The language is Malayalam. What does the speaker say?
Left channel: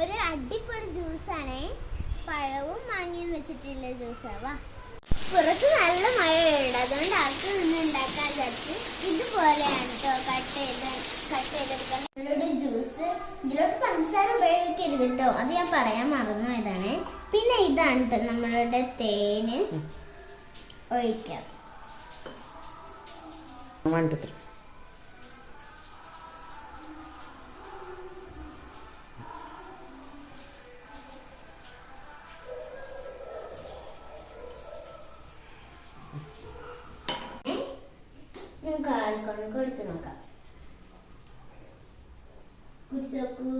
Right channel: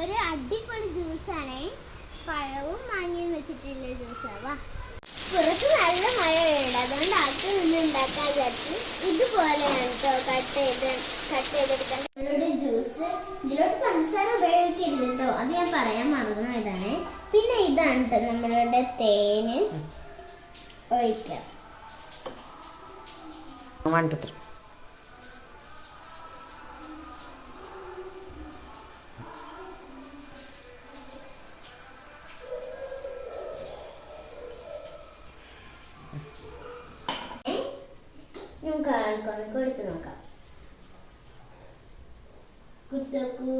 ഒരു അടിപൊളി ജ്യൂസാണ്. പഴവും മാങ്ങയും വെച്ചിട്ടുള്ള ജ്യൂസാവാ. പുറത്ത് നല്ല മഴയുണ്ട്, അതുകൊണ്ട് അകത്ത് നിന്ന് ഉണ്ടാക്കാൻ വിചാരിച്ചു. ഇതുപോലെയാണ് കേട്ടോ കട്ട് ചെയ്തെടുക്കാൻ ജ്യൂസ്. ഇതിലോട്ട് പഞ്ചസാര ഉപയോഗിക്കരുത് കേട്ടോ, അത് ഞാൻ പറയാൻ മറന്നു ഇതാണ്. പിന്നെ ഇതാണ് കേട്ടോ നമ്മളുടെ തേന് ഒഴിക്കാം. നമുക്ക് ആൾക്കൊക്കെ എടുത്ത് നോക്കാം. കുടിച്ചോക്കൂ.